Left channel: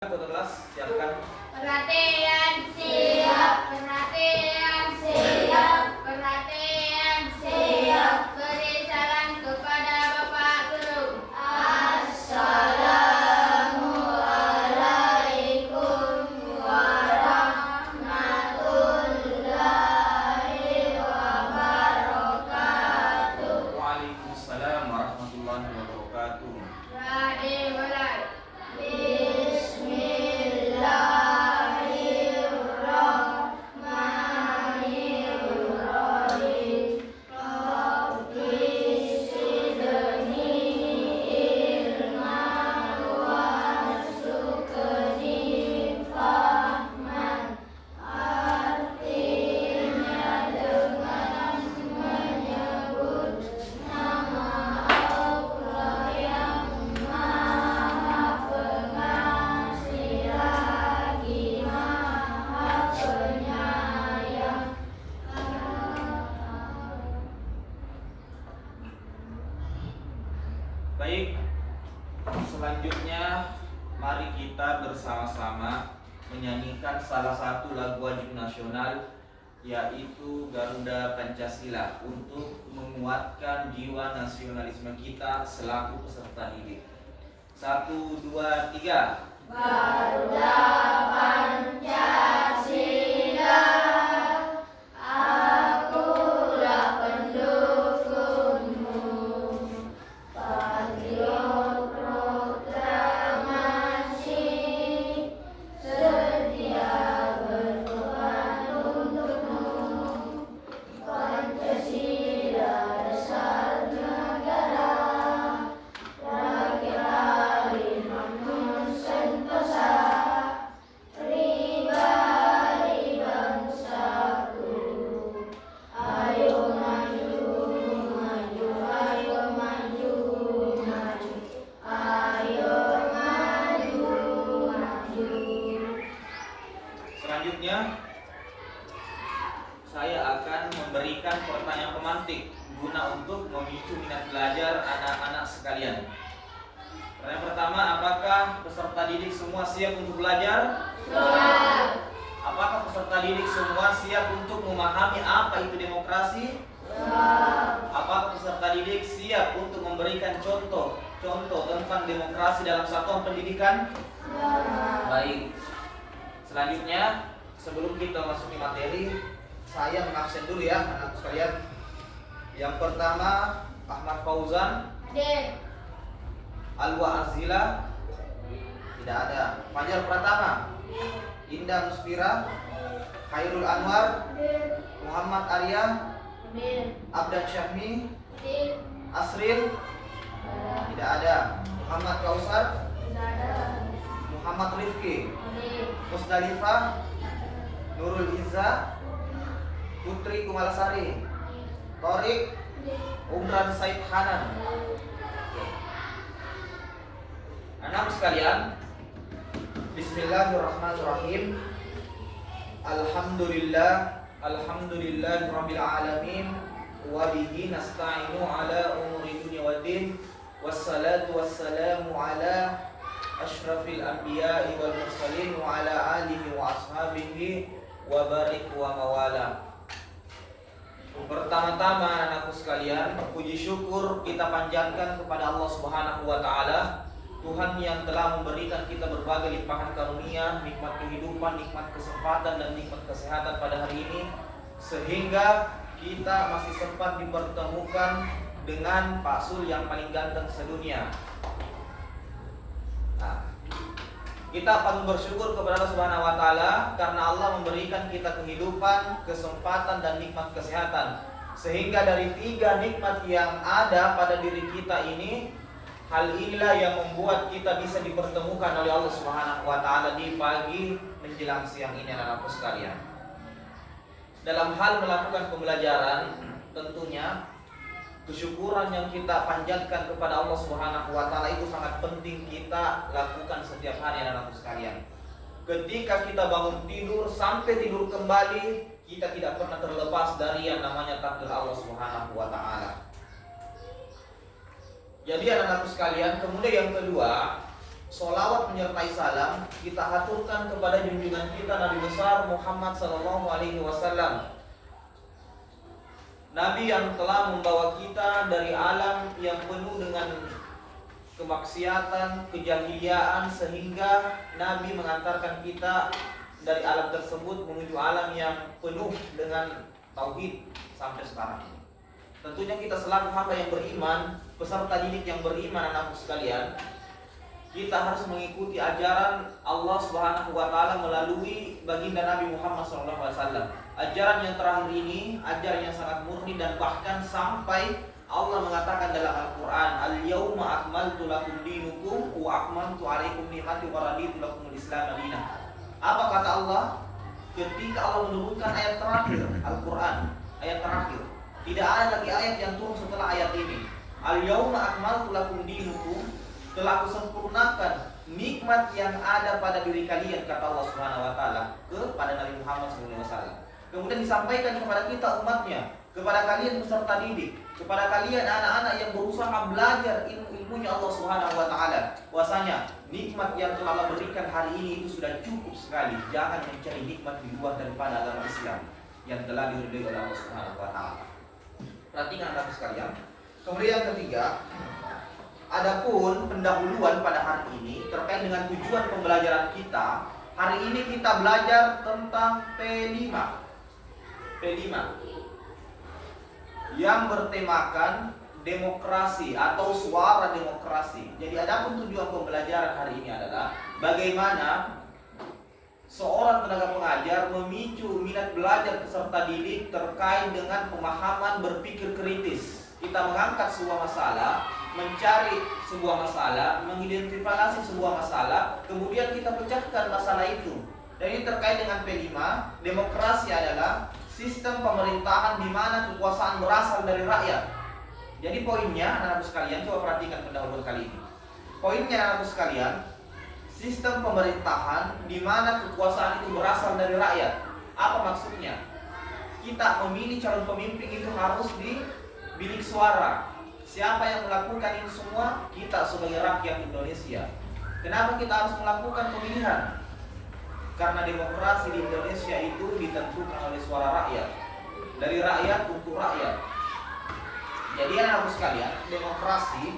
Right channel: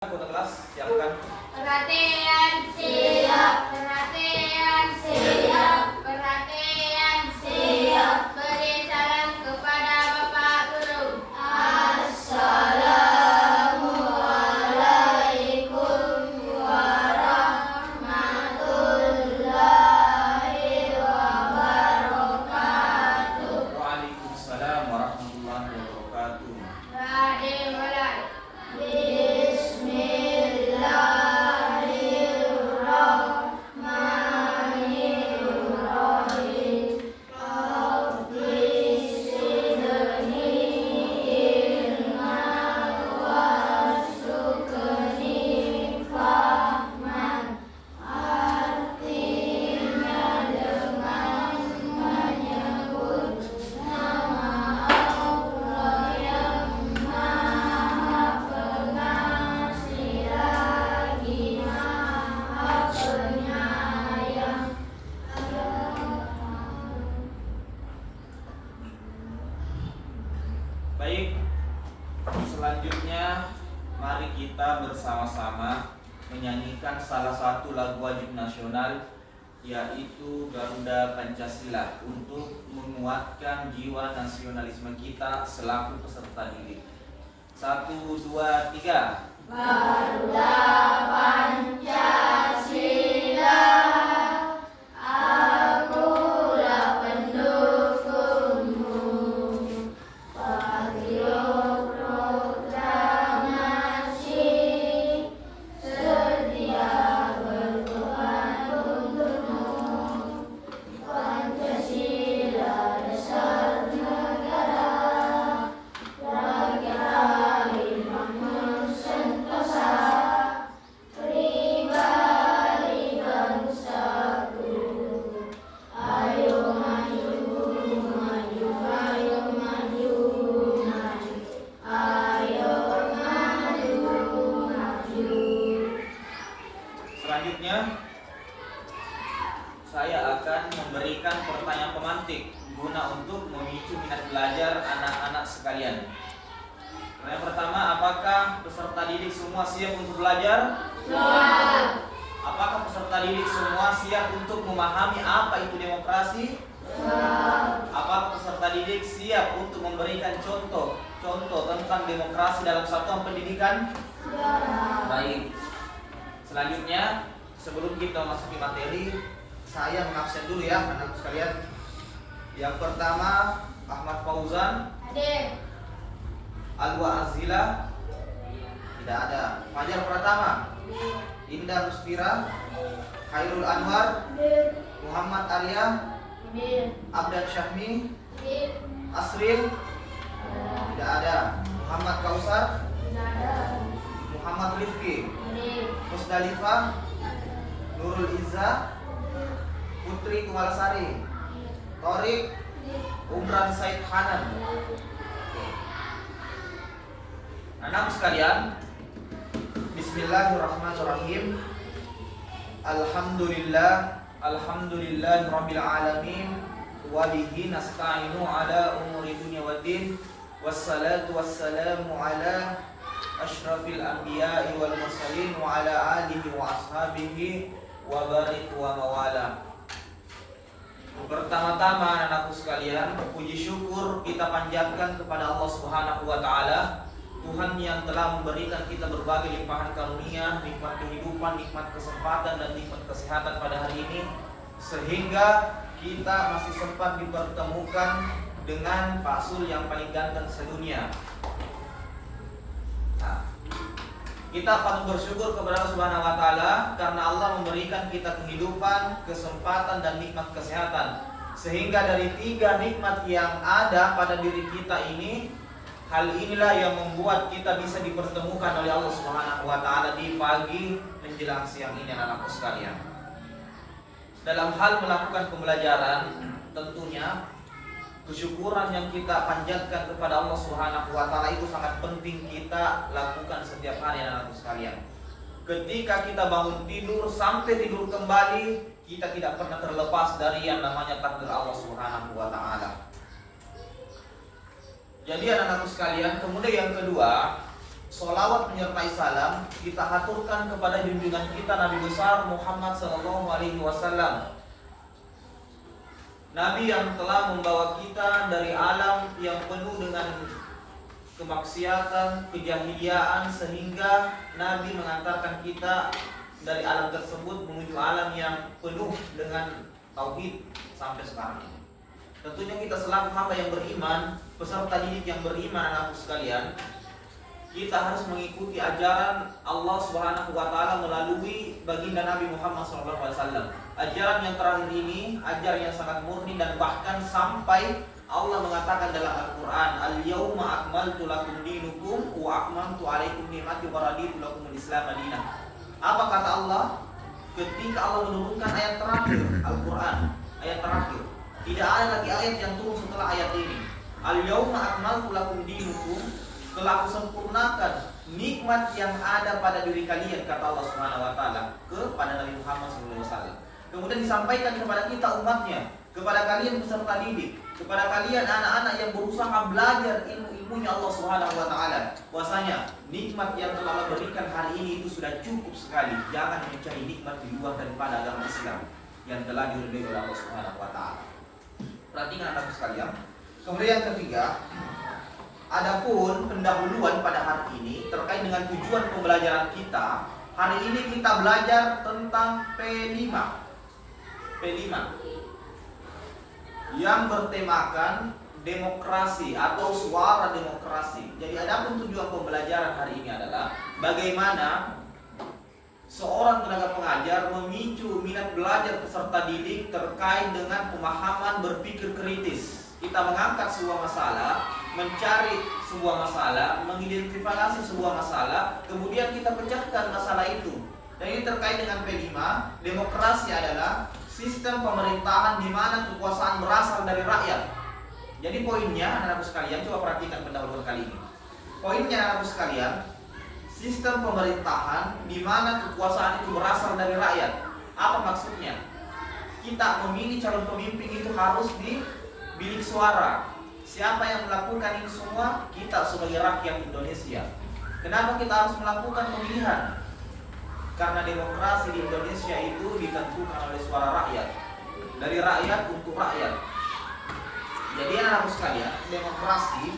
Kota kelas, siapkan. Perhatian siap, perhatian siap, perhatian siap. Beri salam kepada Bapak Guru. Assalamualaikum warahmatullahi wabarakatuh. Waalaikumsalam warahmatullahi wabarakatuh. Ready, mulai. Baik, selanjutnya mari kita bersama-sama menyanyikan salah satu lagu wajib nasional, yaitu Garuda Pancasila, untuk menguatkan jiwa nasionalisme kita selaku peserta didik. 1, 2, 3. Garuda Pancasila, akulah pendukungmu. Patriot proklamasi, sedia berkorban untukmu. Pancasila dasar negara, rakyat Harimau Sentosa, pribadi bangsaku. Ayo maju, maju, ayo maju, maju, ayo maju, maju. Selanjutnya saya akan memberikan pertanyaan pemantik guna untuk memicu minat belajar anak-anak sekalian. Pertanyaan pertama, apakah peserta didik semua siap untuk belajar? Siap. Apakah peserta didik semua siap untuk memahami apa itu demokrasi? Siap. Apakah peserta didik siap untuk memberikan contoh tentang demokrasi dalam satuan pendidikan? Siap. Baik. Selanjutnya, sebelum kita memasuki materi, saya mengabsen dulu ya anak sekalian. Yang pertama, Ahmad Fauzan, Hadir. Alwa Azila, tidak ada. Fajar Pratama, Indah Musfira, Khairul Anwar, Hadir. Muhammad Arya, Hadir. Abdan Syahmi, Hadir. Asrin, tidak ada. Muhammad Kausar, Tidak ada. Muhammad Rifki, Hadir. Musdalifah, Nurul Izza, Putri Kumalasari, Torik, Umran Said Hanan. Oke. Anak sekalian, Bismillahirrahmanirrahim. Alhamdulillah rabbil alamin, wa bihi nasta'inu ala umuri dunya waddin, wassalatu wassalamu ala asyrafil anbiya'i wal mursalin wa ala alihi wa ashabihi wa barik wa mawala. Pertama-tama anak-anakku sekalian, puji syukur kita panjatkan kepada Allah Subhanahu wa taala, Tuhan yang telah memberikan kita berbagai limpahan karunia, nikmat kehidupan, nikmat kesempatan dan nikmat kesehatan pada hari ini, sehingga kita masih sempat dipertemukan dengan Pak Sul yang paling ganteng sedunia. Nah, kita patut bersyukur kepada Allah Subhanahu wa taala karena Allah memberikan kita kehidupan, kesempatan dan nikmat kesehatan. Sehingga dari 3 nikmat yang ada pada diri kita ini, hal inilah yang membuat kita bisa dipertemukan oleh Allah Subhanahu wa taala di pagi menjelang siang ini anak-anakku sekalian. Dalam hal melakukan pembelajaran, tentunya kesyukuran yang kita panjatkan kepada Allah Subhanahu wa taala itu sangat penting kita lakukan setiap hari anak-anakku sekalian. Ketika kita bangun tidur sampai tidur kembali, kita tidak pernah terlepas dari yang namanya takdir Allah Subhanahu wa taala. Jadi anak-anakku sekalian, kemudian yang kedua, Sholawat menyertai salam kita haturkan kepada junjungan kita Nabi besar Muhammad Sallallahu Alaihi Wasallam, Nabi yang telah membawa kita dari alam yang penuh dengan kemaksiatan, kejahiliaan, sehingga Nabi mengantarkan kita dari alam tersebut menuju alam yang penuh dengan tauhid sampai sekarang ini. Tentunya kita selaku hamba yang beriman, peserta didik yang beriman, anak-anakku sekalian, kita harus mengikuti ajaran Allah Subhanahu wa taala melalui baginda Nabi Muhammad SAW. Ajaran yang terakhir ini ajaran yang sangat murni, dan bahkan sampai Allah mengatakan dalam Al-Qur'an, "Al-yauma akmaltu lakum dinukum wa akmaltu 'alaikum ni'mati wa raditu lakumul Islam madinah." Apa kata Allah? Ketika Allah menurunkan ayat terakhir Al-Qur'an, ayat terakhir. Tidak ada lagi ayat yang turun setelah ayat ini. "Al-yauma akmaltu lakum dinukum," telah aku sempurnakan nikmat yang ada pada diri kalian, kata Allah Subhanahu wa taala kepada Nabi Muhammad SAW. Kemudian disampaikan kepada kita umatnya, kepada kalian peserta didik, kepada kalian anak-anak yang berusaha belajar ilmu-ilmunya Allah Subhanahu wa taala, bahwasanya nikmat yang telah Allah berikan hari ini itu sudah cukup sekali. Jangan mencari nikmat di luar daripada agama Islam yang telah diridhoi oleh Allah Subhanahu wa taala. Perhatikan anak sekalian. Kemudian yang ketiga, adapun pendahuluan pada hari ini terkait dengan tujuan pembelajaran kita. Hari ini kita belajar tentang P5 yang bertemakan demokrasi atau suara demokrasi. Jadi adapun tujuan pembelajaran hari ini adalah bagaimana seorang tenaga pengajar memicu minat belajar peserta didik terkait dengan pemahaman berpikir kritis. Kita mengangkat sebuah masalah, mencari sebuah masalah, mengidentifikasi sebuah masalah, kemudian kita pecahkan masalah itu. Dan ini terkait dengan P5. Demokrasi adalah sistem pemerintahan di mana kekuasaan berasal dari rakyat. Jadi poinnya, anak-anakku sekalian, coba perhatikan pendahuluan kali ini. Poinnya, anak-anakku sekalian, sistem pemerintahan di mana kekuasaan itu berasal dari rakyat. Apa maksudnya? Kita memilih calon pemimpin itu harus di bilik suara. Siapa yang melakukan ini semua? Kita sebagai rakyat Indonesia. Kenapa kita harus melakukan pemilihan? Karena demokrasi di Indonesia itu ditentukan oleh suara rakyat. Dari rakyat untuk rakyat. Jadi anak-anakku sekalian, demokrasi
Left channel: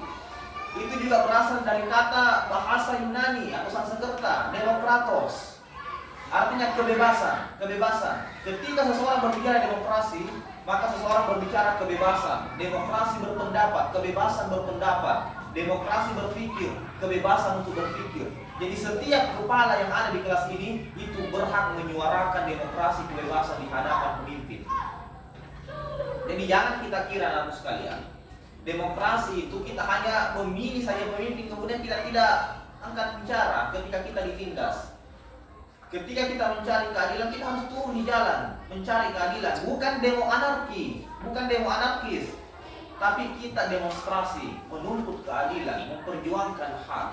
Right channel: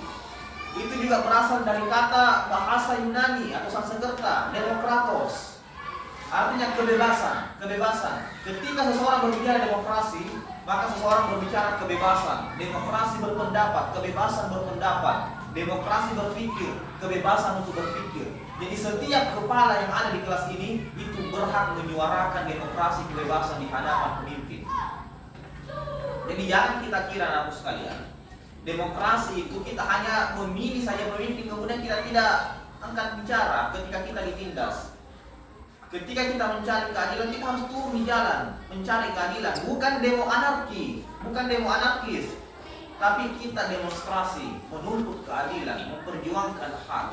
itu juga berasal dari kata bahasa Yunani atau Sanskerta, demokratos. Artinya kebebasan. Ketika seseorang berbicara demokrasi, maka seseorang berbicara kebebasan. Demokrasi berpendapat, kebebasan berpendapat. Demokrasi berpikir, kebebasan untuk berpikir. Jadi setiap kepala yang ada di kelas ini itu berhak menyuarakan demokrasi, kebebasan di hadapan pemimpin. Jadi jangan kita kira, anak sekalian, demokrasi itu kita hanya memilih saja pemimpin, kemudian kita tidak angkat bicara ketika kita ditindas. Ketika kita mencari keadilan, kita harus turun di jalan mencari keadilan. Bukan demo anarki, bukan demo anarkis, tapi kita demonstrasi, menuntut keadilan, memperjuangkan hak,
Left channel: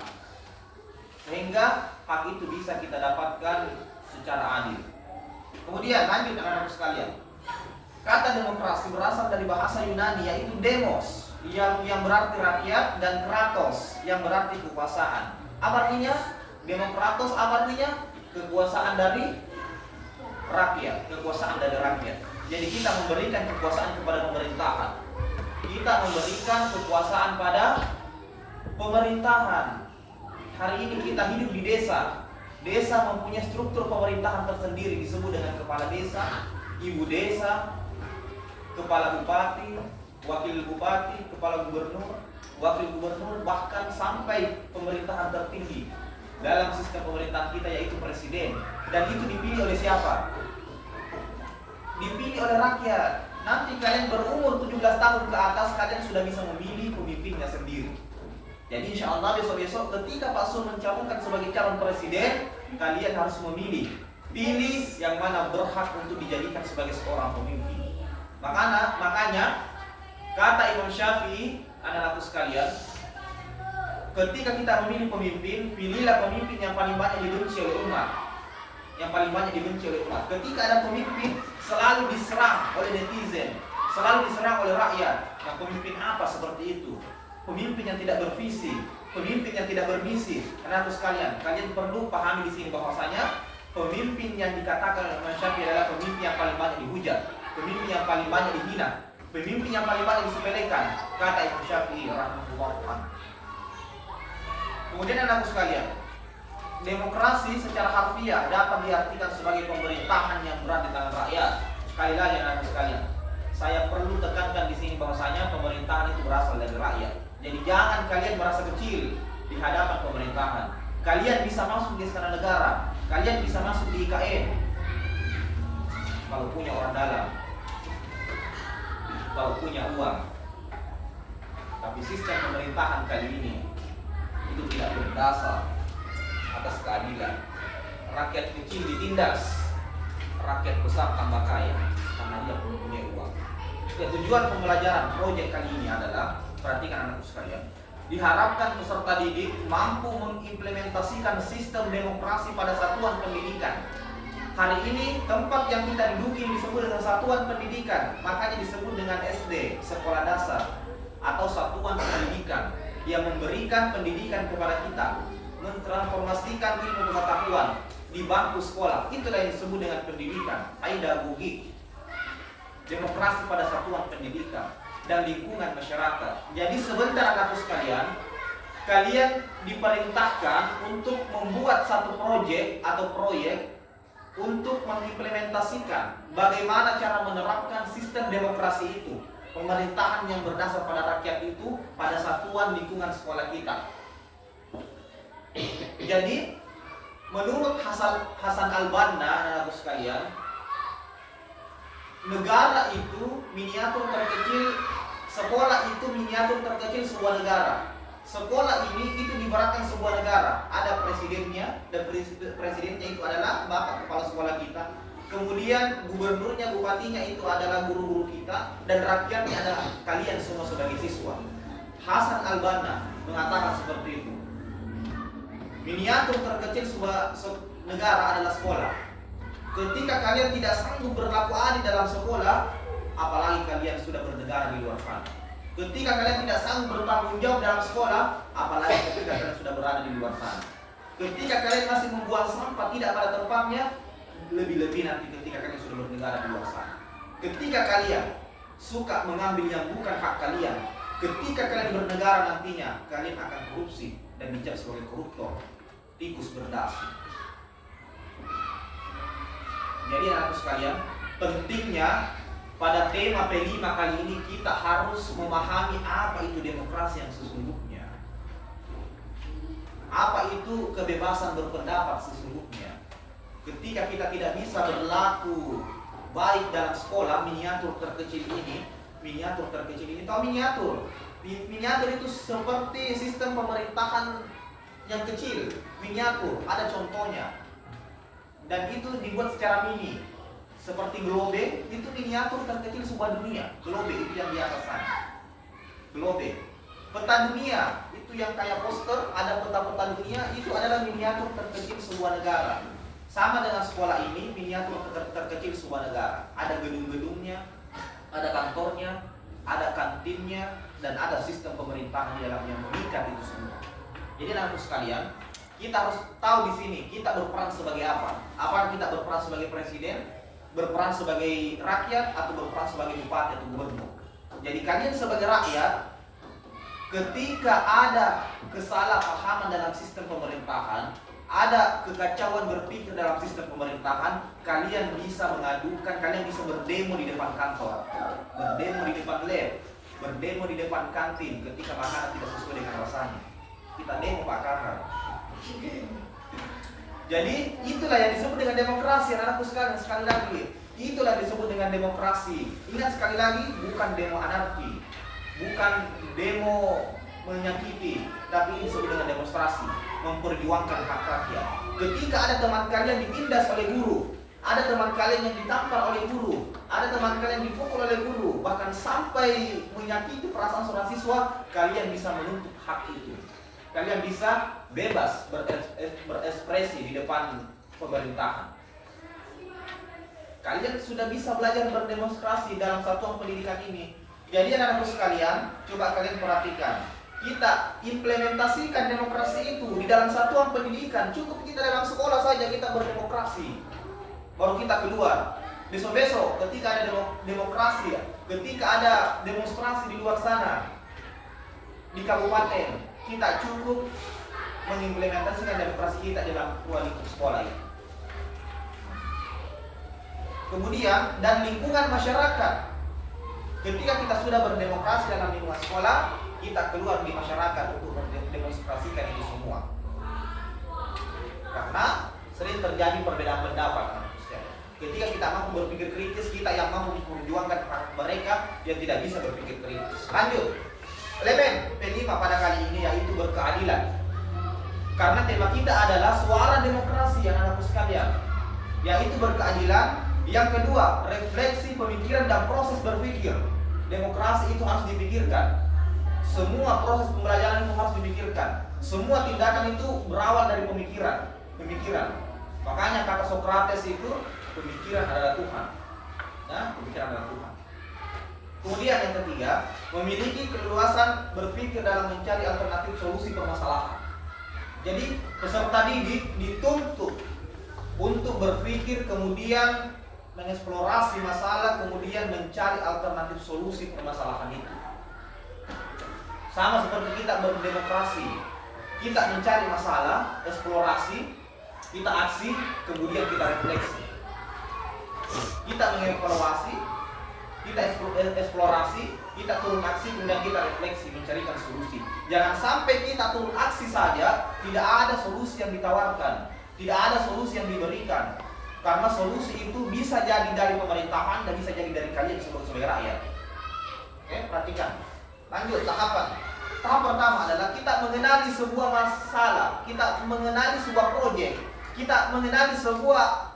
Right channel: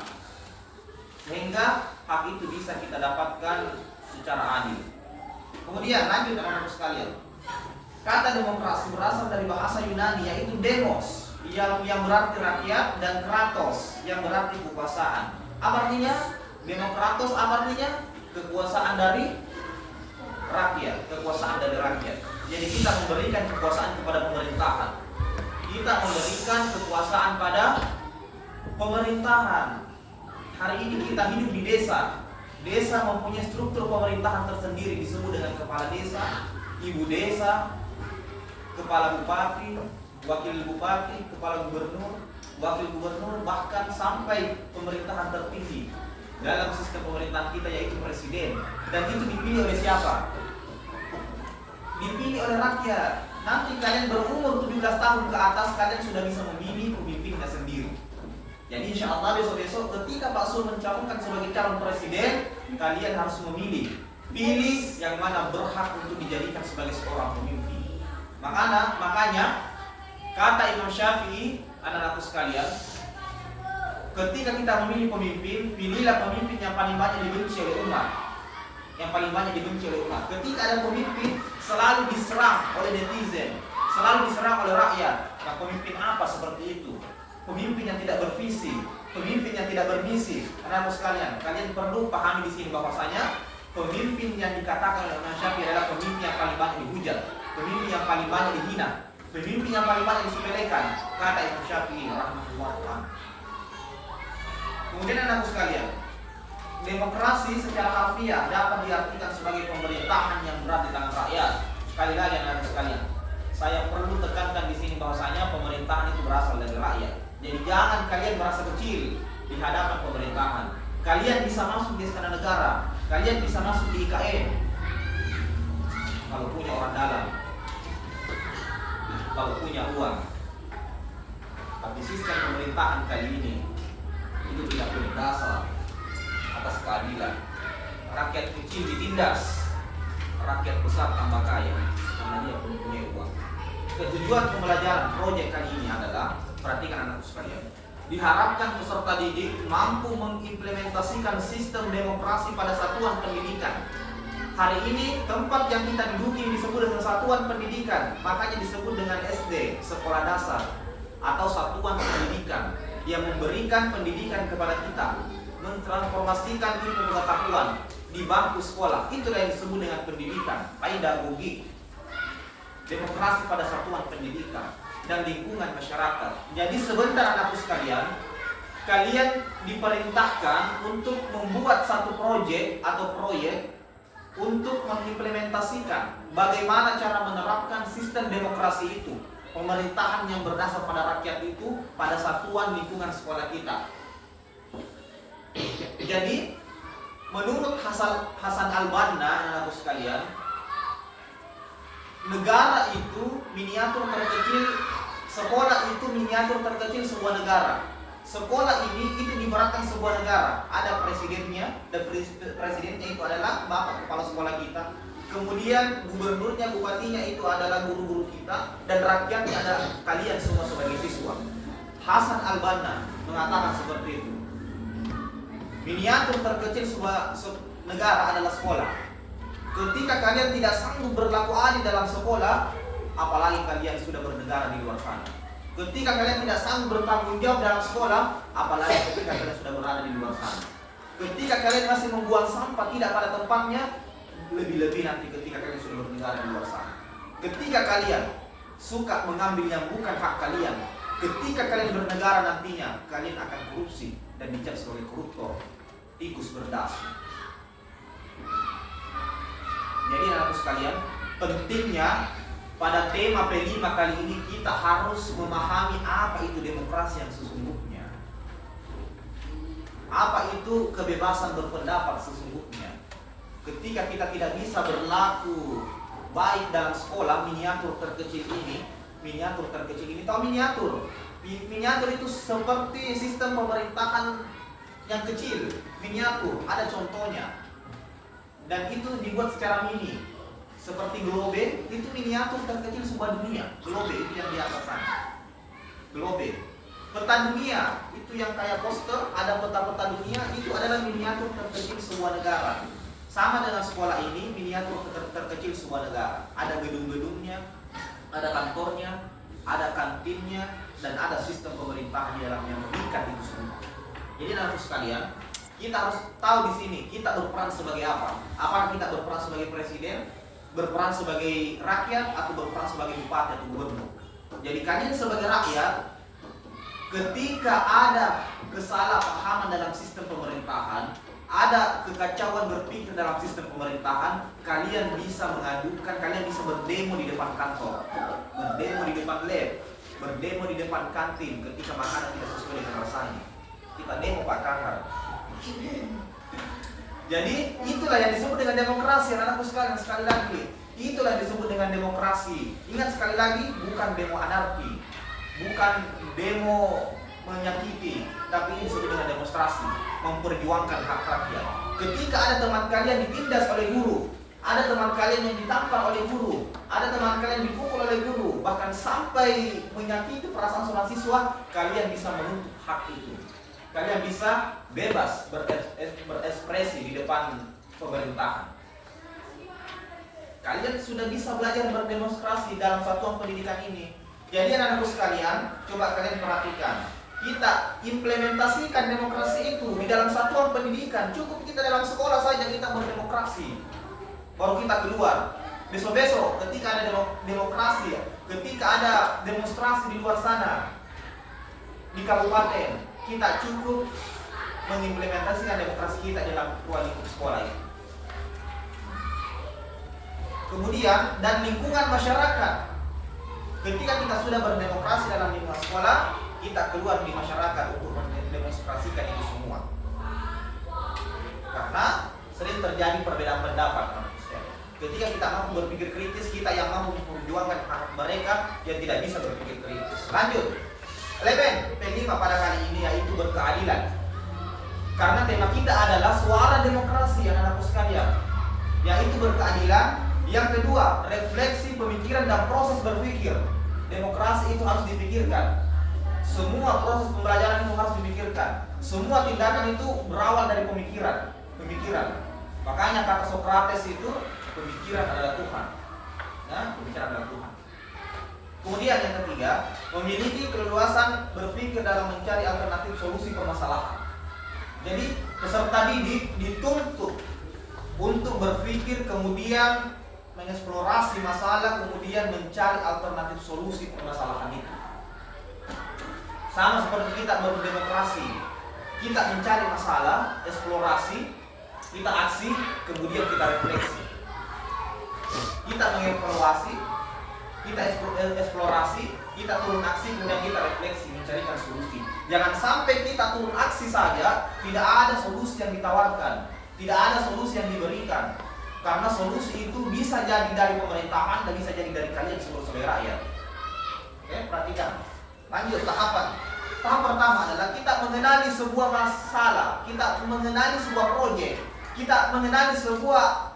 sehingga hak itu bisa kita dapatkan secara adil. Kemudian lanjut anak-anak sekalian. Kata demokrasi berasal dari bahasa Yunani, yaitu demos yang berarti rakyat, dan kratos yang berarti kekuasaan. Apa artinya? Demokratos apa artinya? Kekuasaan dari rakyat, kekuasaan dari rakyat. Jadi kita memberikan kekuasaan kepada pemerintahan. Kita memberikan kekuasaan pada pemerintahan. Hari ini kita hidup di desa. Desa mempunyai struktur pemerintahan tersendiri, disebut dengan kepala desa, ibu desa, kepala bupati, wakil bupati, kepala gubernur, wakil gubernur, bahkan sampai pemerintahan tertinggi dalam sistem pemerintahan kita, yaitu presiden. Dan itu dipilih oleh siapa? Dipilih oleh rakyat. Nanti kalian berumur 17 tahun ke atas, kalian sudah bisa memilih pemimpinnya sendiri. Jadi insya Allah besok-besok ketika Pak Sul mencalonkan sebagai calon presiden, kalian harus memilih. Pilih yang mana berhak untuk dijadikan sebagai seorang pemimpin. Makanya kata Imam Syafi'i, anak-anakku sekalian, ketika kita memilih pemimpin, pilihlah pemimpin yang paling banyak dibenci oleh umat. Yang paling banyak dibenci oleh umat. Ketika ada pemimpin selalu diserang oleh netizen, selalu diserang oleh rakyat. Nah, pemimpin apa seperti itu? Pemimpin yang tidak bervisi, pemimpin yang tidak bermisi. Anak-anakku sekalian, kalian perlu pahami di sini bahwasanya pemimpin yang dikatakan oleh Imam Syafi'i adalah pemimpin yang paling banyak dihujat, pemimpin yang paling banyak dihina, pemimpin yang paling banyak disepelekan, kata Imam Syafi'i rahimahullah. Kemudian anak-anakku sekalian, demokrasi secara harfiah dapat diartikan sebagai pemerintahan yang berada di tangan rakyat. Sekali lagi anak-anakku sekalian, saya perlu tekankan di sini bahwasanya pemerintahan itu berasal dari rakyat. Jadi jangan kalian merasa kecil di hadapan pemerintahan. Kalian bisa masuk di istana negara, kalian bisa masuk di IKN kalau punya orang dalam, kalau punya uang. Tapi sistem pemerintahan kali ini itu tidak berdasar atas keadilan. Rakyat kecil ditindas, rakyat besar tambah kaya karena dia belum punya uang. Tujuan pembelajaran proyek kali ini adalah, perhatikan anakku sekalian, diharapkan peserta didik mampu mengimplementasikan sistem demokrasi pada satuan pendidikan. Hari ini tempat yang kita duduki disebut dengan satuan pendidikan, makanya disebut dengan SD, sekolah dasar, atau satuan pendidikan yang memberikan pendidikan kepada kita, mentransformasikan ilmu pengetahuan di bangku sekolah. Itulah yang disebut dengan pendidikan, pedagogik. Demokrasi pada satuan pendidikan dan lingkungan masyarakat. Jadi sebentar anakku sekalian, kalian diperintahkan untuk membuat satu proyek atau proyek untuk mengimplementasikan bagaimana cara menerapkan sistem demokrasi itu, pemerintahan yang berdasar pada rakyat itu pada satuan lingkungan sekolah kita. Jadi menurut Hasan al-Banna, anak-anakku sekalian, negara itu miniatur terkecil, sekolah itu miniatur terkecil sebuah negara. Sekolah ini itu diibaratkan sebuah negara. Ada presidennya, dan presidennya itu adalah bapak kepala sekolah kita. Kemudian gubernurnya, bupatinya itu adalah guru-guru kita, dan rakyatnya ada kalian semua sebagai siswa. Hasan al-Banna mengatakan seperti itu. Miniatur terkecil sebuah negara adalah sekolah. Ketika kalian tidak sanggup berlaku adil dalam sekolah, apalagi kalian sudah bernegara di luar sana. Ketika kalian tidak sanggup bertanggung jawab dalam sekolah, apalagi ketika kalian sudah berada di luar sana. Ketika kalian masih membuang sampah tidak pada tempatnya, lebih-lebih nanti ketika kalian sudah bernegara di luar sana. Ketika kalian suka mengambil yang bukan hak kalian, ketika kalian bernegara nantinya, kalian akan korupsi dan dicap sebagai koruptor, tikus berdasi. Jadi anak-anakku sekalian, pentingnya pada tema P5 kali ini kita harus memahami apa itu demokrasi yang sesungguhnya. Apa itu kebebasan berpendapat sesungguhnya. Ketika kita tidak bisa berlaku baik dalam sekolah, miniatur terkecil ini, tahu miniatur? Miniatur itu seperti sistem pemerintahan yang kecil, miniatur, ada contohnya. Dan itu dibuat secara mini, seperti globe, itu miniatur terkecil sebuah dunia. Globe itu yang di atas sana. Globe. Peta dunia itu yang kayak poster, ada peta-peta dunia, itu adalah miniatur terkecil sebuah negara. Sama dengan sekolah ini, miniatur terkecil sebuah negara. Ada gedung-gedungnya, ada kantornya, ada kantinnya, dan ada sistem pemerintahan di dalamnya mengikat itu semua. Jadi anak-anakku sekalian, kita harus tahu di sini kita berperan sebagai apa. Apakah kita berperan sebagai presiden, berperan sebagai rakyat, atau berperan sebagai bupati atau gubernur. Jadi kalian sebagai rakyat, ketika ada kesalahpahaman dalam sistem pemerintahan, ada kekacauan berpikir dalam sistem pemerintahan, kalian bisa mengadukan, kalian bisa berdemo di depan kantor, berdemo di depan lab, berdemo di depan kantin ketika makanan tidak sesuai dengan rasanya. Kita demo Pak Kakar. Jadi itulah yang disebut dengan demokrasi, anakku sekalian. Sekali lagi, itulah yang disebut dengan demokrasi. Ingat sekali lagi, bukan demo anarki, bukan demo menyakiti, tapi ini disebut dengan demonstrasi, memperjuangkan hak rakyat. Ketika ada teman kalian ditindas oleh guru, ada teman kalian yang ditampar oleh guru, ada teman kalian dipukul oleh guru, bahkan sampai menyakiti perasaan seorang siswa, kalian bisa menuntut hak itu. Kalian bisa bebas berekspresi di depan pemerintahan. Kalian sudah bisa belajar berdemonstrasi dalam satuan pendidikan ini. Jadi anak-anakku sekalian, coba kalian perhatikan. kita implementasikan demokrasi itu di dalam satuan pendidikan. Cukup kita dalam sekolah saja kita berdemokrasi, baru kita keluar. Besok-besok ketika ada demokrasi, ketika ada demonstrasi di luar sana di kabupaten, kita cukup mengimplementasikan demokrasi kita dalam ruang lingkup sekolah itu. Kemudian dan lingkungan masyarakat, ketika kita sudah berdemokrasi dalam lingkungan sekolah, kita keluar di masyarakat untuk mendemonstrasikan itu semua. Karena sering terjadi perbedaan pendapat. Ketika kita mampu berpikir kritis, kita yang mampu memperjuangkan hak mereka yang tidak bisa berpikir kritis. Lanjut, elemen P5 pada kali ini yaitu berkeadilan. Karena tema kita adalah suara demokrasi anak-anakku sekalian, yaitu berkeadilan. Yang kedua, refleksi pemikiran dan proses berpikir. Demokrasi itu harus dipikirkan. Semua proses pembelajaran itu harus dipikirkan. Semua tindakan itu berawal dari pemikiran. Makanya kata Sokrates itu, pemikiran adalah Tuhan. Nah, pemikiran adalah Tuhan. Kemudian yang ketiga, memiliki keleluasan berpikir dalam mencari alternatif solusi permasalahan. Jadi peserta didik dituntut untuk berpikir, kemudian mengeksplorasi masalah, kemudian mencari alternatif solusi permasalahan itu. Sama seperti kita berdemokrasi, kita mencari masalah, eksplorasi, kita aksi, kemudian kita refleksi. Kita mengevaluasi, kita eksplorasi, kita turun aksi, kemudian kita refleksi, mencarikan solusi. Jangan sampai kita turun aksi saja, tidak ada solusi yang ditawarkan, tidak ada solusi yang diberikan. Karena solusi itu bisa jadi dari pemerintahan dan bisa jadi dari kalian sebagai rakyat. Oke, perhatikan. Lanjut tahapan. Tahap pertama adalah kita mengenali sebuah masalah, kita mengenali sebuah proyek, kita mengenali sebuah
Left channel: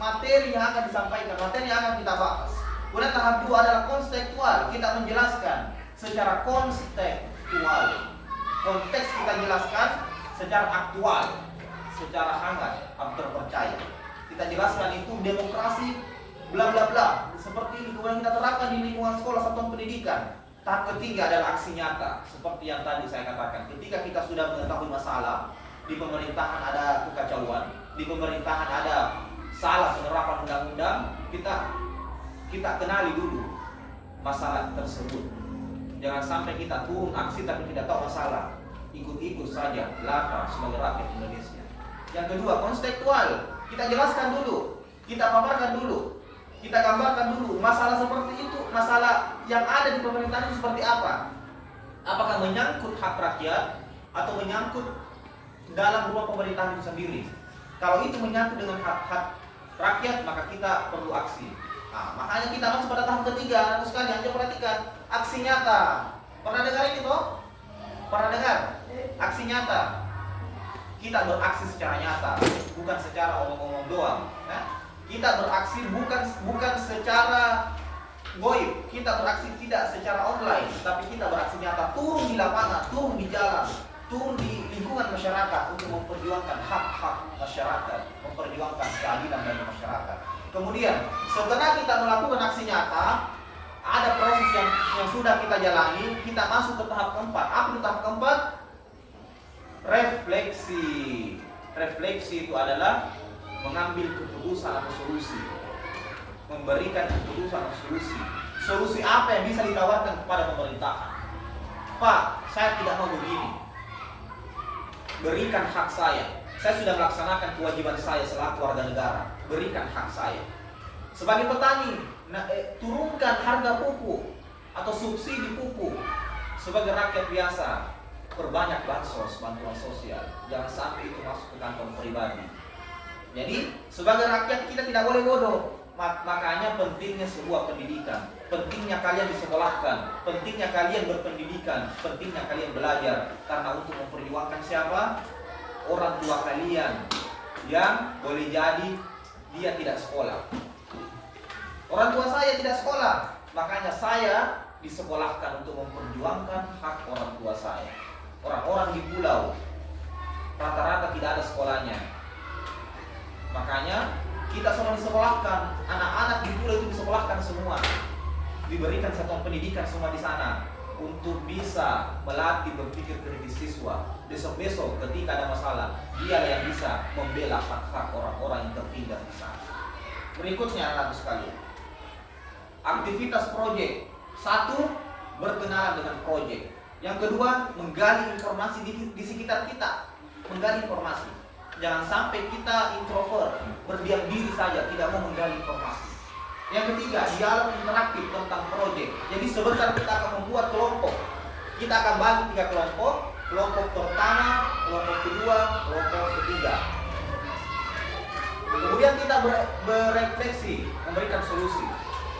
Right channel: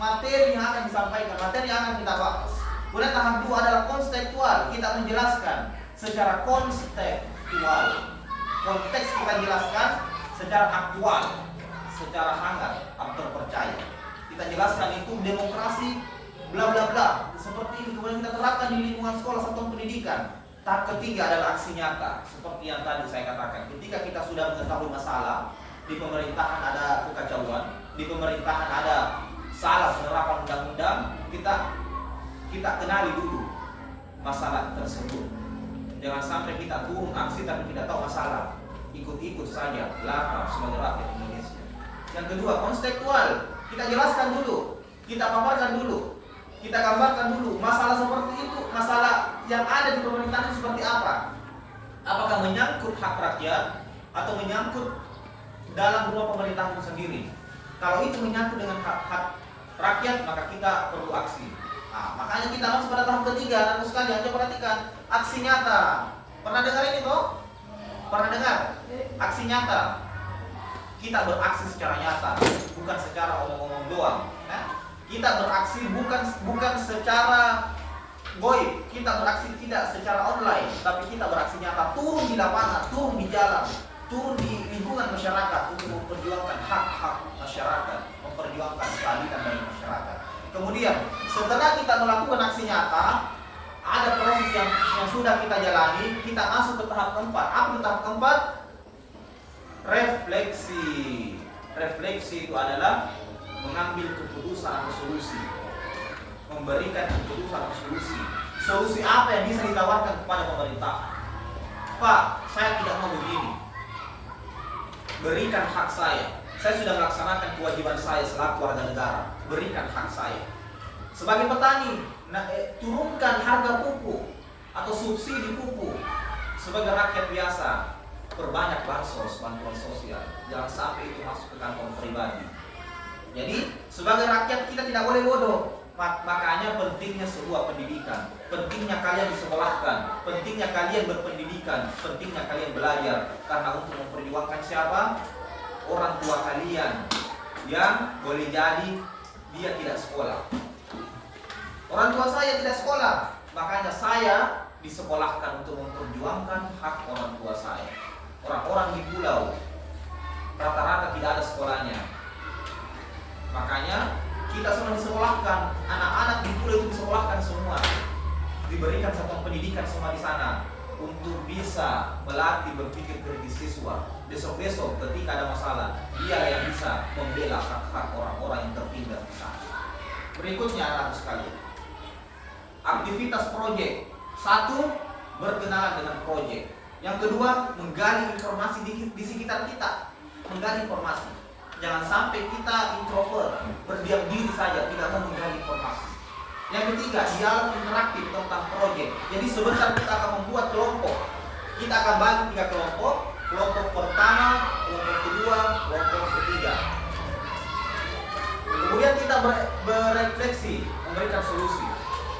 materi yang akan disampaikan, materi yang akan kita bahas. Kemudian tahap 2 adalah konstekstual, kita menjelaskan secara kontekstual. Konteks kita jelaskan secara aktual, secara hangat, terpercaya. Kita jelaskan itu demokrasi bla bla bla seperti ini, kemudian kita terapkan di lingkungan sekolah satuan pendidikan. Tahap ketiga adalah aksi nyata, seperti yang tadi saya katakan. Ketika kita sudah mengetahui masalah, di pemerintahan ada kekacauan, di pemerintahan ada salah penerapan undang-undang, kita kenali dulu masalah tersebut. Jangan sampai kita turun aksi tapi tidak tahu masalah, ikut-ikut saja belaka sebagai rakyat Indonesia. Yang kedua, kontekstual, kita jelaskan dulu, kita paparkan dulu, kita gambarkan dulu masalah seperti itu, masalah yang ada di pemerintahan itu seperti apa. Apakah menyangkut hak rakyat atau menyangkut dalam ruang pemerintahan itu sendiri. Kalau itu menyangkut dengan hak rakyat, maka kita perlu aksi. Nah, makanya kita masuk pada tahap ketiga, anak sekalian, coba perhatikan aksi nyata. Pernah dengar ini toh? Pernah dengar? Aksi nyata. Kita beraksi secara nyata, bukan secara omong-omong doang. Kita beraksi bukan secara goib, kita beraksi tidak secara online, tapi kita beraksi nyata, turun di lapangan, turun di jalan, turun di lingkungan masyarakat untuk memperjuangkan hak-hak masyarakat, memperjuangkan keadilan dari masyarakat. Kemudian setelah kita melakukan aksi nyata, ada proses yang sudah kita jalani, kita masuk ke tahap keempat. Apa itu tahap keempat? Refleksi. Refleksi itu adalah mengambil keputusan atau solusi, memberikan keputusan atau solusi. Solusi apa yang bisa ditawarkan kepada pemerintahan? Pak, saya tidak mau begini. Berikan hak saya. Saya sudah melaksanakan kewajiban saya selaku warga negara. Berikan hak saya. Sebagai petani, turunkan harga pupuk atau subsidi pupuk. Sebagai rakyat biasa, perbanyak bansos, bantuan sosial. Jangan sampai itu masuk ke kantong pribadi. Jadi sebagai rakyat kita tidak boleh bodoh. Makanya pentingnya sebuah pendidikan, pentingnya kalian disekolahkan, pentingnya kalian berpendidikan, pentingnya kalian belajar. Karena untuk memperjuangkan siapa? Orang tua kalian yang boleh jadi dia tidak sekolah. Orang tua saya tidak sekolah, makanya saya disekolahkan untuk memperjuangkan hak orang tua saya. Orang-orang di pulau rata-rata tidak ada sekolahnya. Makanya kita semua disekolahkan, anak-anak di pulau itu disekolahkan semua, diberikan satuan pendidikan semua di sana untuk bisa melatih berpikir kritis siswa. Besok-besok ketika ada masalah, dia yang bisa membela hak-hak orang-orang yang tertindas di sana. Berikutnya anak sekalian, aktivitas proyek. Satu, berkenalan dengan proyek. Yang kedua, menggali informasi di sekitar kita. Menggali informasi. Jangan sampai kita introvert, berdiam diri saja, tidak mau menggali informasi. Yang ketiga, dialog interaktif tentang proyek. Jadi sebentar kita akan membuat kelompok. Kita akan bagi 3 kelompok. Kelompok pertama, kelompok kedua, kelompok ketiga. Kemudian kita berefleksi, memberikan solusi.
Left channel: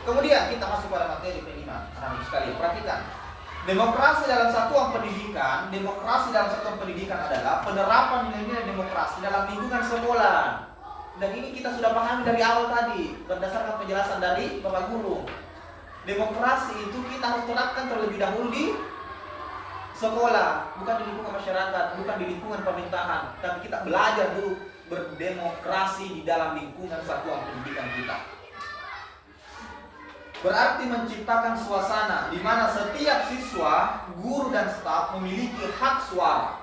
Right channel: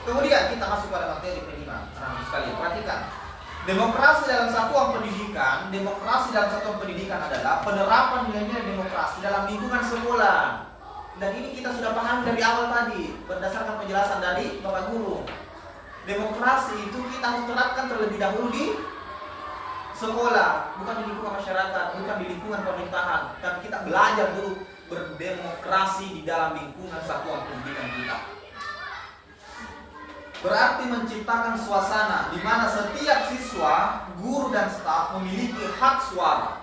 Kemudian kita masuk pada materi kelima. Anak-anak sekalian, perhatikan. Demokrasi dalam satuan pendidikan adalah penerapan nilai-nilai demokrasi dalam lingkungan sekolah. Dan ini kita sudah pahami dari awal tadi, berdasarkan penjelasan dari Bapak Guru. Demokrasi itu kita harus terapkan terlebih dahulu di sekolah, bukan di lingkungan masyarakat, bukan di lingkungan pemerintahan, tapi kita belajar dulu berdemokrasi di dalam lingkungan satuan pendidikan kita. Berarti menciptakan suasana di mana setiap siswa, guru dan staf memiliki hak suara.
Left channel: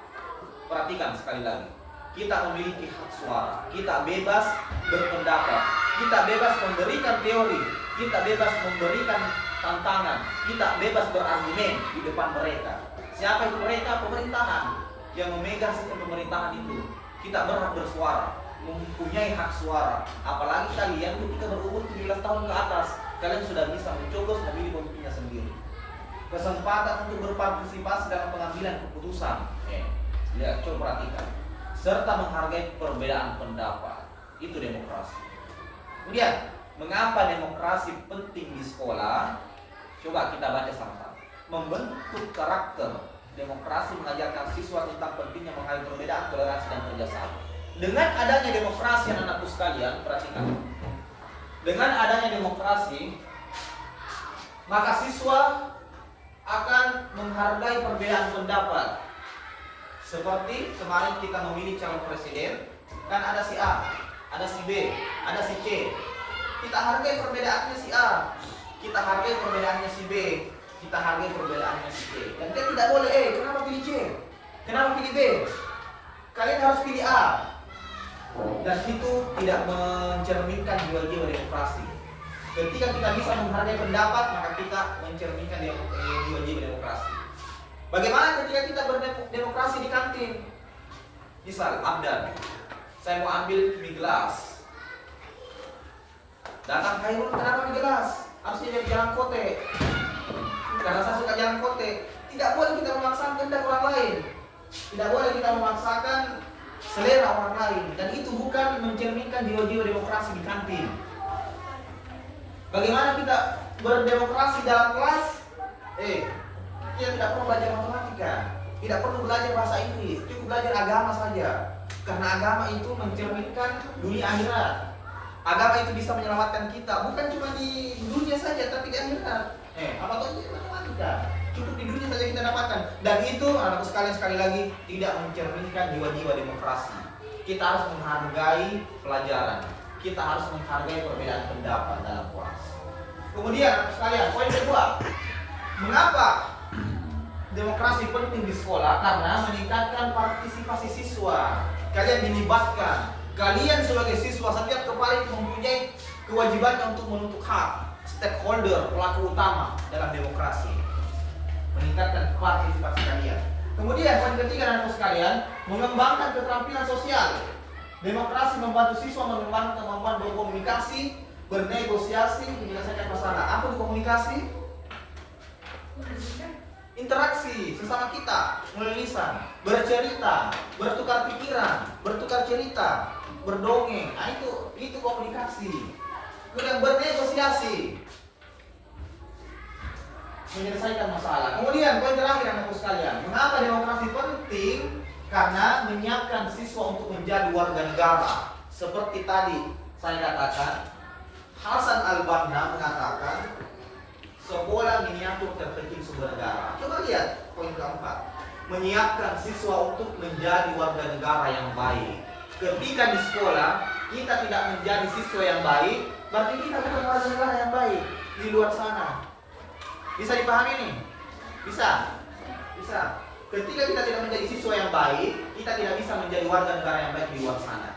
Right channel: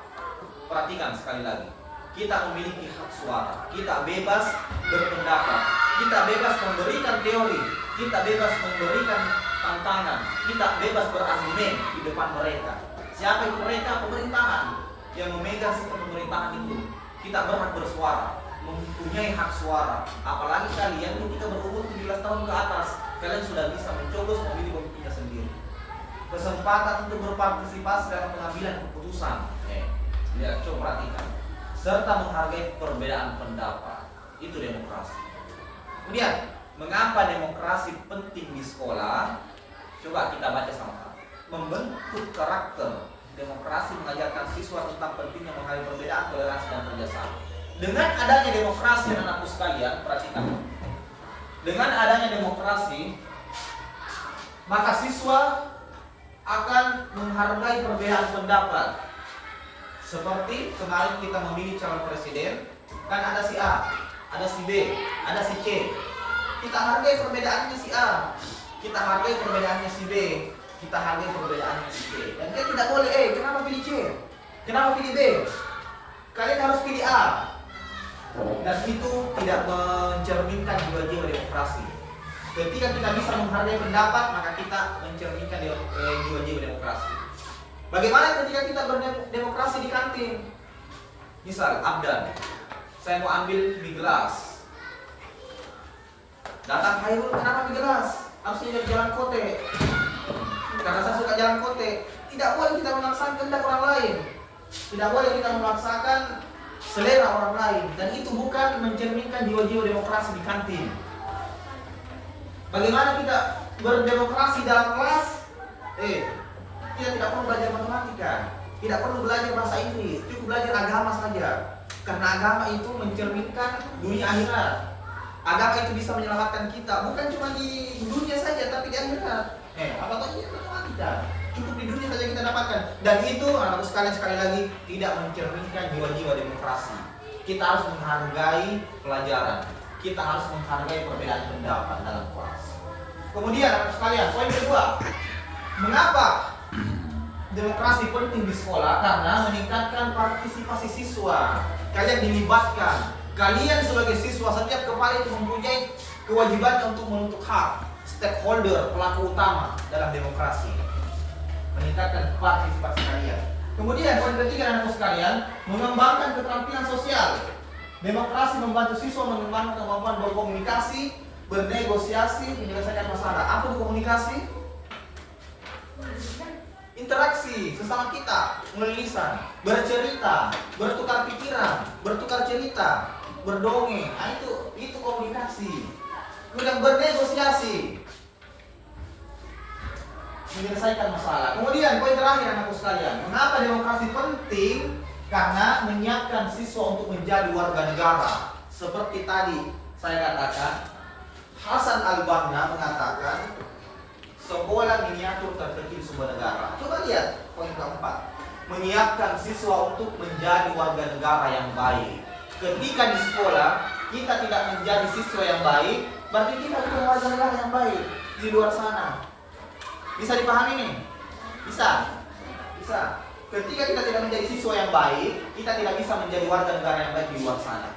Perhatikan sekali lagi, kita memiliki hak suara, kita bebas berpendapat, kita bebas memberikan teori, kita bebas memberikan tantangan, kita bebas berargumen di depan mereka. Siapa itu mereka? Pemerintahan yang memegang sistem pemerintahan itu. Kita berhak bersuara, mempunyai hak suara. Apalagi kalian ketika berumur 17 tahun ke atas, kalian sudah bisa mencoblos memilih pemimpinnya sendiri. Kesempatan untuk berpartisipasi dalam pengambilan keputusan. Lihat, coba perhatikan. Serta menghargai perbedaan pendapat. Itu demokrasi. Kemudian, mengapa demokrasi penting di sekolah? Coba kita baca sama-sama. Membentuk karakter. Demokrasi mengajarkan siswa tentang pentingnya menghargai perbedaan, toleransi dan kerjasama. Dengan adanya demokrasi, anak-anakku sekalian, perhatikan. Dengan adanya demokrasi, maka siswa akan menghargai perbedaan pendapat. Seperti kemarin kita memilih calon presiden, kan ada si A, ada si B, ada si C. Kita hargai perbedaannya si A, kita hargai perbedaannya si B, kita hargai perbedaannya si C. Dan kita tidak boleh, kenapa pilih C? Kenapa pilih B? Kalian harus pilih A. Dan itu tidak mencerminkan jiwa-jiwa demokrasi. Ketika kita bisa menghargai pendapat, maka kita mencerminkan jiwa-jiwa demokrasi. Bagaimana ketika kita berdemokrasi di kantin? Misal, Abdan, saya mau ambil mie gelas. Datang Khairul, kenapa mie gelas? Harusnya jadi jalan kote. Karena saya suka jalan kote. Tidak boleh kita memaksakan kehendak orang lain. Tidak boleh kita memaksakan selera orang lain. Dan itu bukan mencerminkan jiwa-jiwa demokrasi di kantin. Bagaimana kita berdemokrasi dalam kelas? Kita tidak perlu belajar matematika, tidak perlu belajar bahasa Inggris, cukup belajar agama saja. Karena agama itu mencerminkan dunia akhirat. Agama itu bisa menyelamatkan kita, bukan cuma di dunia saja, tapi di akhirat. Apalagi matematika, cukup di dunia saja kita dapatkan. Dan itu, anak-anakku sekalian, sekali lagi tidak mencerminkan jiwa-jiwa demokrasi. Kita harus menghargai pelajaran, kita harus menghargai perbedaan pendapat dalam kelas. Kemudian, anak-anak sekalian, poin kedua, mengapa demokrasi penting di sekolah? Karena meningkatkan partisipasi siswa. Kalian dilibatkan. Kalian sebagai siswa, setiap kepala itu mempunyai kewajiban untuk menuntut hak. Stakeholder, pelaku utama dalam demokrasi. Meningkatkan partisipasi kalian. Kemudian poin ketiga, anak-anak sekalian, mengembangkan keterampilan sosial. Demokrasi membantu siswa mengembangkan kemampuan berkomunikasi, bernegosiasi, menyelesaikan masalah. Apa itu komunikasi? Interaksi sesama kita, melalui lisan, bercerita, bertukar pikiran, bertukar cerita, berdongeng. Nah, itu komunikasi. Kemudian bernegosiasi, menyelesaikan masalah. Kemudian poin terakhir, anakku sekalian, mengapa demokrasi penting? Karena menyiapkan siswa untuk menjadi warga negara. Seperti tadi saya katakan, Hasan al-Banna mengatakan sekolah miniatur terkecil sebuah negara. Coba lihat poin keempat, menyiapkan siswa untuk menjadi warga negara yang baik. Ketika di sekolah kita tidak menjadi siswa yang baik, berarti kita bukan warga negara yang baik di luar sana. Bisa dipahami nih? Bisa. Bisa. Ketika kita tidak menjadi siswa yang baik, kita tidak bisa menjadi warga negara yang baik di luar sana.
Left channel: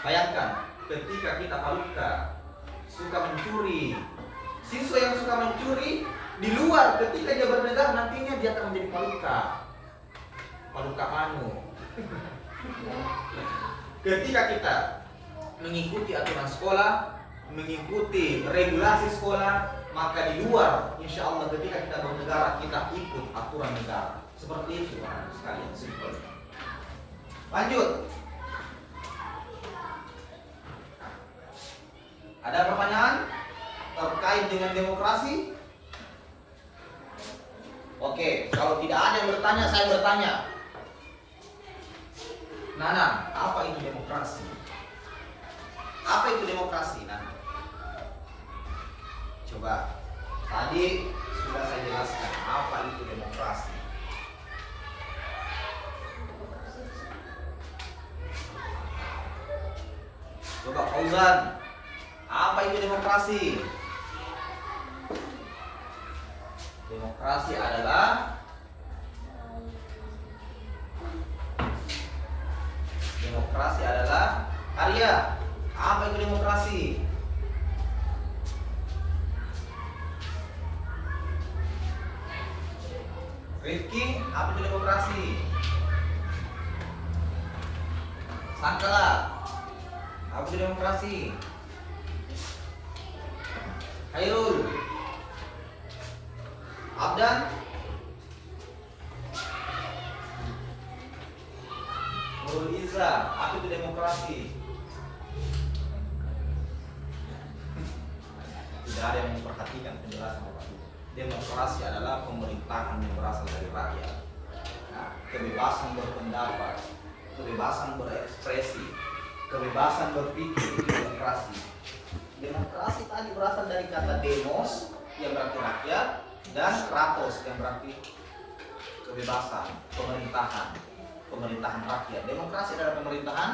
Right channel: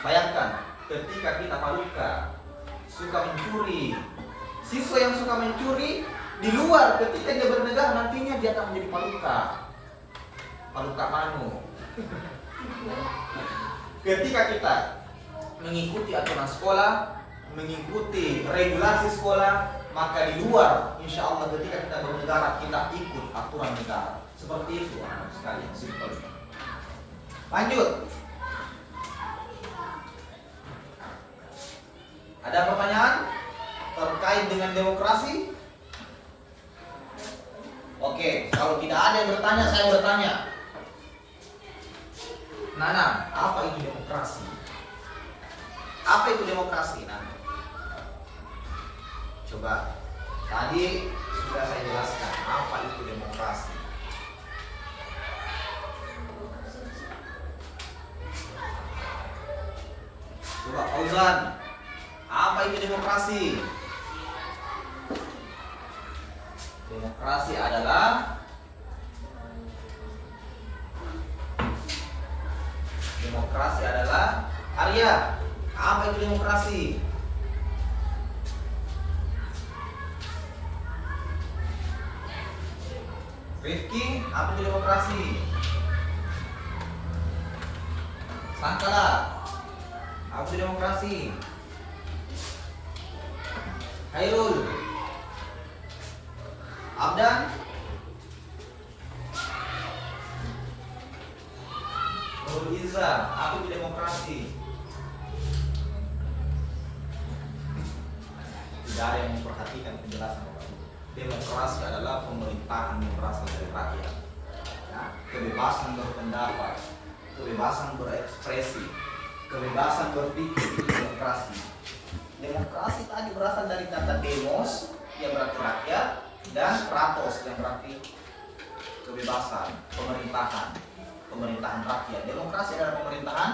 Bayangkan, ketika kita paluka, suka mencuri, siswa yang suka mencuri di luar, ketika dia bernegara nantinya dia akan menjadi paluka. Paluka manu. Ketika kita mengikuti aturan sekolah, mengikuti regulasi sekolah, maka di luar, insya Allah ketika kita bernegara, kita ikut aturan negara. Seperti itu, sekalian simpel. Lanjut. Ada pertanyaan terkait dengan demokrasi? Oke, kalau tidak ada yang bertanya, saya bertanya. Nana, apa itu demokrasi? Apa itu demokrasi, Nana? Coba, tadi sudah saya jelaskan apa itu demokrasi. Coba Fauzan, apa itu demokrasi? Demokrasi adalah Arya. Apa itu demokrasi? Rifki, apa itu demokrasi? Sangkala, apa itu demokrasi? Hairul, Abdan, Nurul Iza, apa itu demokrasi? Tidak ada yang memperhatikan penjelasan Bapak Ibu. Demokrasi adalah pemerintahan yang berasal dari rakyat. Kebebasan berpendapat, kebebasan berekspresi, kebebasan berpikir itu demokrasi. Demokrasi tadi berasal dari kata demos yang berarti rakyat dan kratos yang berarti kebebasan, pemerintahan rakyat. Demokrasi adalah pemerintahan.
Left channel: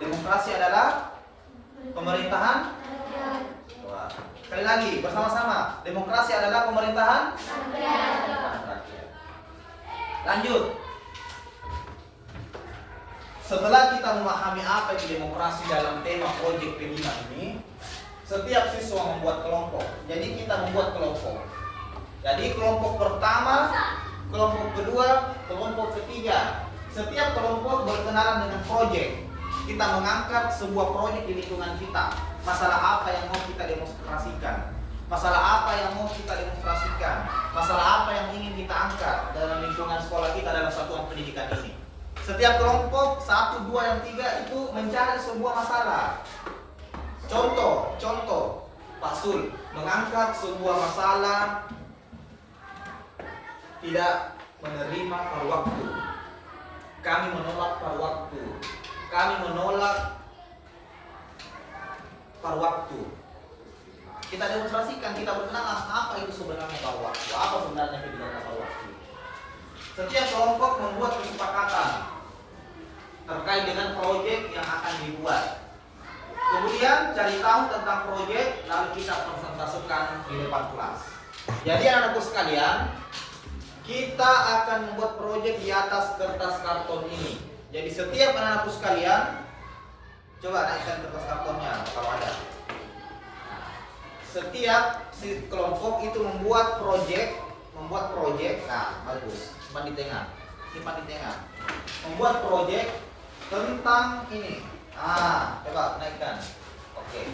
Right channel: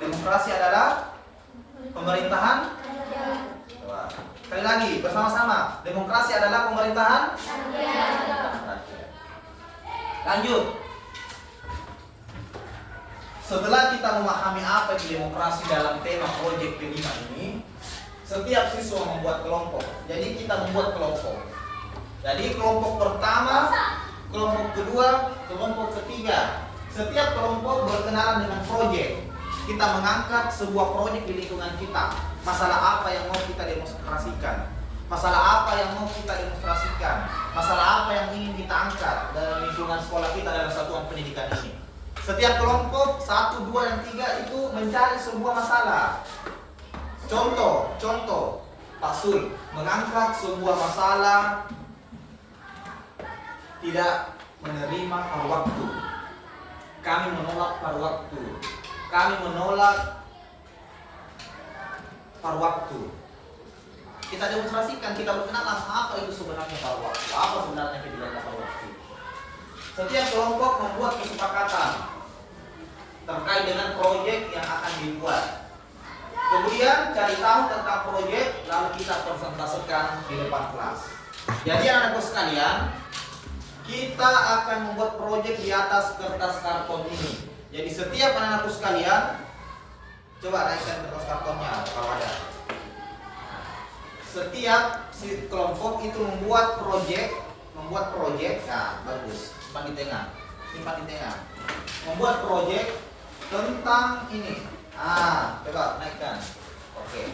Demokrasi adalah pemerintahan. Wah. Sekali lagi bersama-sama, demokrasi adalah pemerintahan. Lanjut. Setelah kita memahami apa itu demokrasi dalam tema proyek P5 ini, setiap siswa membuat kelompok. Jadi kita membuat kelompok. Jadi kelompok pertama, kelompok kedua, kelompok ketiga. Setiap kelompok berkenalan dengan proyek. Kita mengangkat sebuah proyek di lingkungan kita. Masalah apa yang mau kita demonstrasikan? Masalah apa yang mau kita demonstrasikan? Masalah apa yang ingin kita angkat dalam lingkungan sekolah kita dalam satuan pendidikan ini? Setiap kelompok 1, 2, dan 3 itu mencari sebuah masalah. Contoh, Pak Sul mengangkat sebuah masalah tidak menerima pada waktu. Kami menolak pada waktu. Kami menolak pada waktu. Kita demonstrasikan, kita berkenalan apa itu sebenarnya pada waktu, apa sebenarnya kebijakan pada waktu. Setiap kelompok membuat kesepakatan terkait dengan proyek yang akan dibuat. Kemudian cari tahu tentang proyek, lalu kita presentasikan di depan kelas. Jadi anak-anakku sekalian, kita akan membuat proyek di atas kertas karton ini. Jadi setiap anak-anakku sekalian, coba naikkan kertas kartonnya kalau ada. Setiap kelompok itu membuat proyek, nah bagus, simpan di tengah. Membuat proyek tentang ini. Coba naikkan. Oke.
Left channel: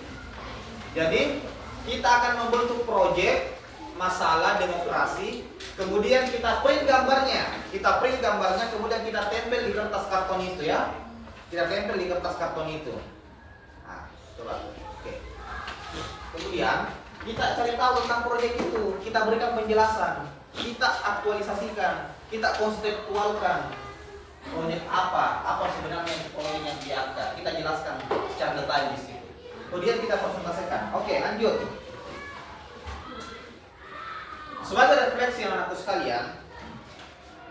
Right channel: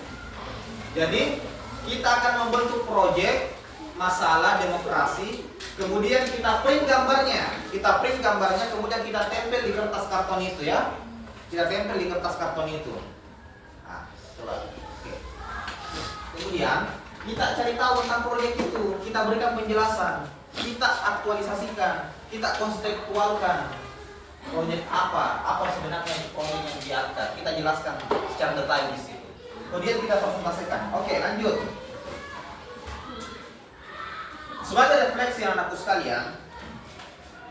Jadi kita akan membentuk proyek masalah demokrasi, kemudian kita print gambarnya, kemudian kita tempel di kertas karton itu ya. Nah, coba. Oke. Kemudian kita cari tahu tentang proyek itu, kita berikan penjelasan, kita aktualisasikan, kita konseptualkan proyek apa sebenarnya proyek yang diangkat, kita jelaskan secara detail di situ. Kemudian kita presentasikan. Oke, lanjut. Sebagai refleksi anak-anakku sekalian,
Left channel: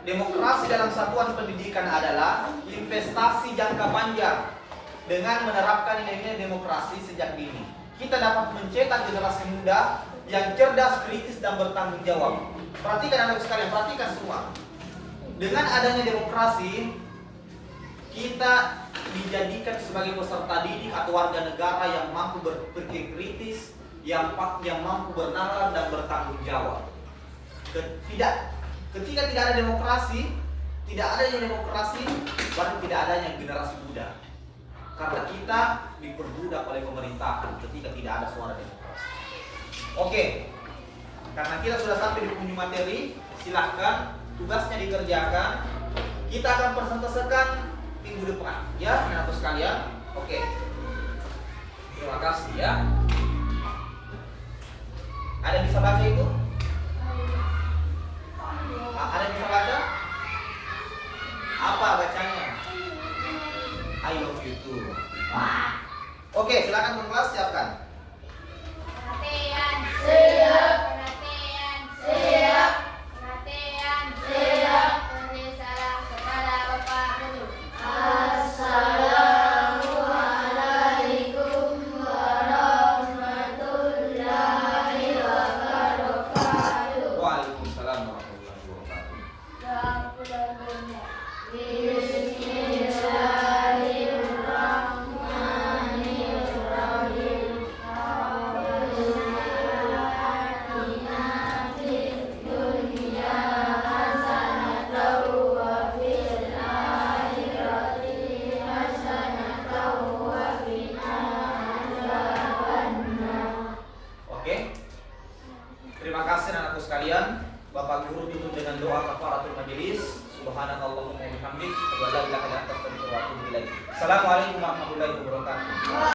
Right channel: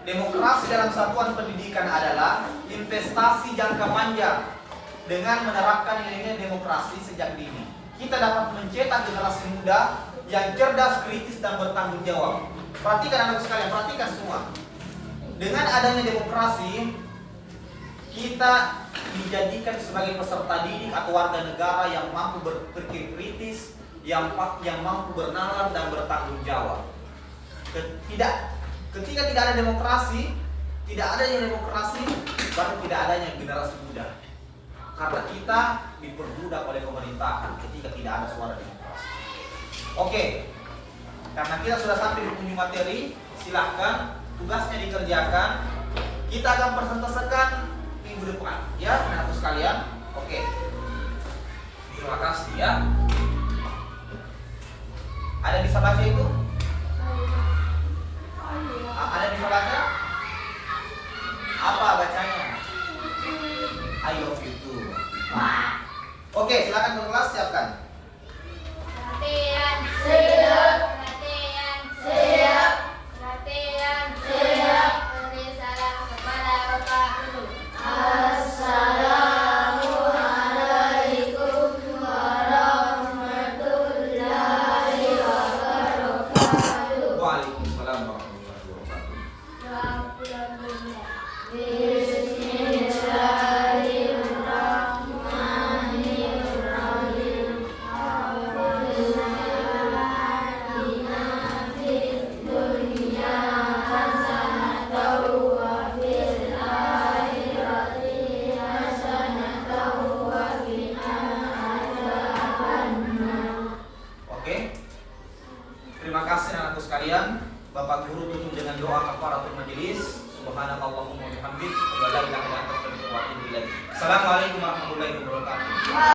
demokrasi dalam satuan pendidikan adalah investasi jangka panjang. Dengan menerapkan nilai-nilai demokrasi sejak dini, kita dapat mencetak generasi muda yang cerdas, kritis, dan bertanggung jawab. Perhatikan anak sekalian, perhatikan semua. Dengan adanya demokrasi, kita dijadikan sebagai peserta didik atau warga negara yang mampu berpikir kritis, yang mampu bernalar dan bertanggung jawab. Ketika tidak ada demokrasi, berarti tidak adanya generasi muda. Karena kita diperbudak oleh pemerintahan ketika tidak ada suara demokrasi. Oke, karena kita sudah sampai di penghujung materi, silahkan tugasnya dikerjakan. Kita akan presentasikan minggu depan, ya, anak-anak sekalian. Oke, terima kasih ya. Ada yang bisa baca itu? Ada yang bisa baca? Apa bacanya? I love you too. Oke, silakan kelas siapkan. Latihan siap. Latihan siap. Latihan siap. Beri salam kepada Bapak Guru. Assalamualaikum warahmatullahi wabarakatuh. Waalaikumsalam warahmatullahi wabarakatuh. Doa pulang bunda. Oke. Terima kasih anak-anakku sekalian. Bapak Guru tutup dengan doa kafaratul majelis. Subhanakallahumma wa bihamdik, asyhadu an la ilaha illa anta, astaghfiruka wa atubu ilaik. Assalamualaikum warahmatullahi wabarakatuh.